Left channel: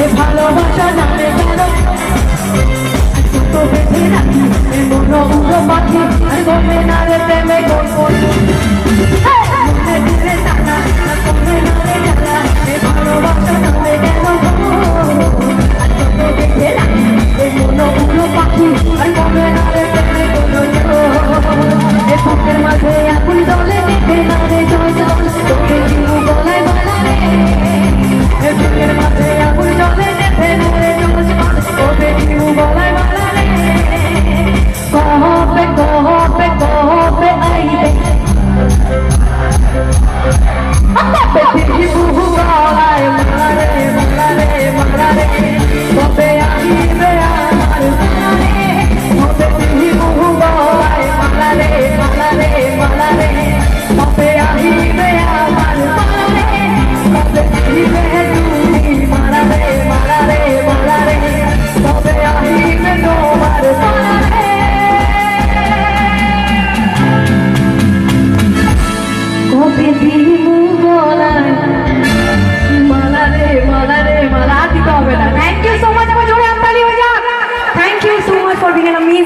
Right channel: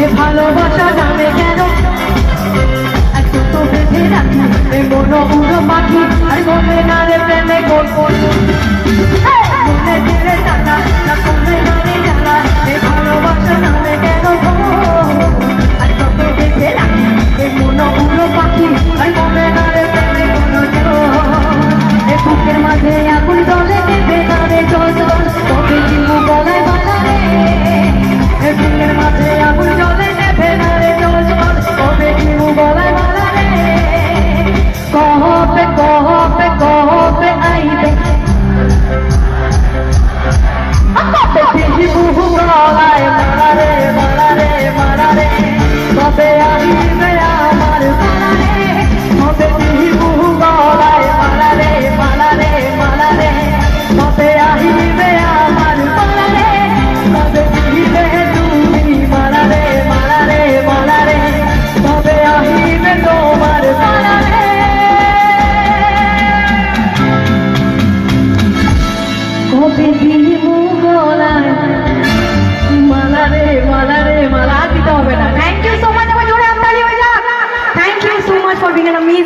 এ ভালোবাসা নামে কেন তো বেঁধে রাখি এ মন উড়ো পাখি আর মনে না রে প্রেমে গল্প মনে দিলে টানা না মনে নামে জ্বালা এ ভালোবাসা নামে কেন তো বেঁধে রাখি এ মন উড়ো পাখি আর মনে না রে প্রেমে গল্প এ বুকের মাঝে আগুন জ্বলে কেঁদে না রে জল জল তবে জীবু গলায় বালা রে এ বুকের মাঝে আগুন জ্বলে কেঁদে না রে জল জল তবে জীবু গলায় বালা রে কহবে আইবে জীবু গলায় মারা রে তবে আইবে আমার বালা রে তবে জীবু গলায় মারা রে তবে আইবে আমার বালা রে তবে আইবে তুমি মারা রে তবে আইবে তোমার বালা রে তবে জীবু গলায় মালা রে দিতে হবে না। Thank you so much, thank you so much for being an amazing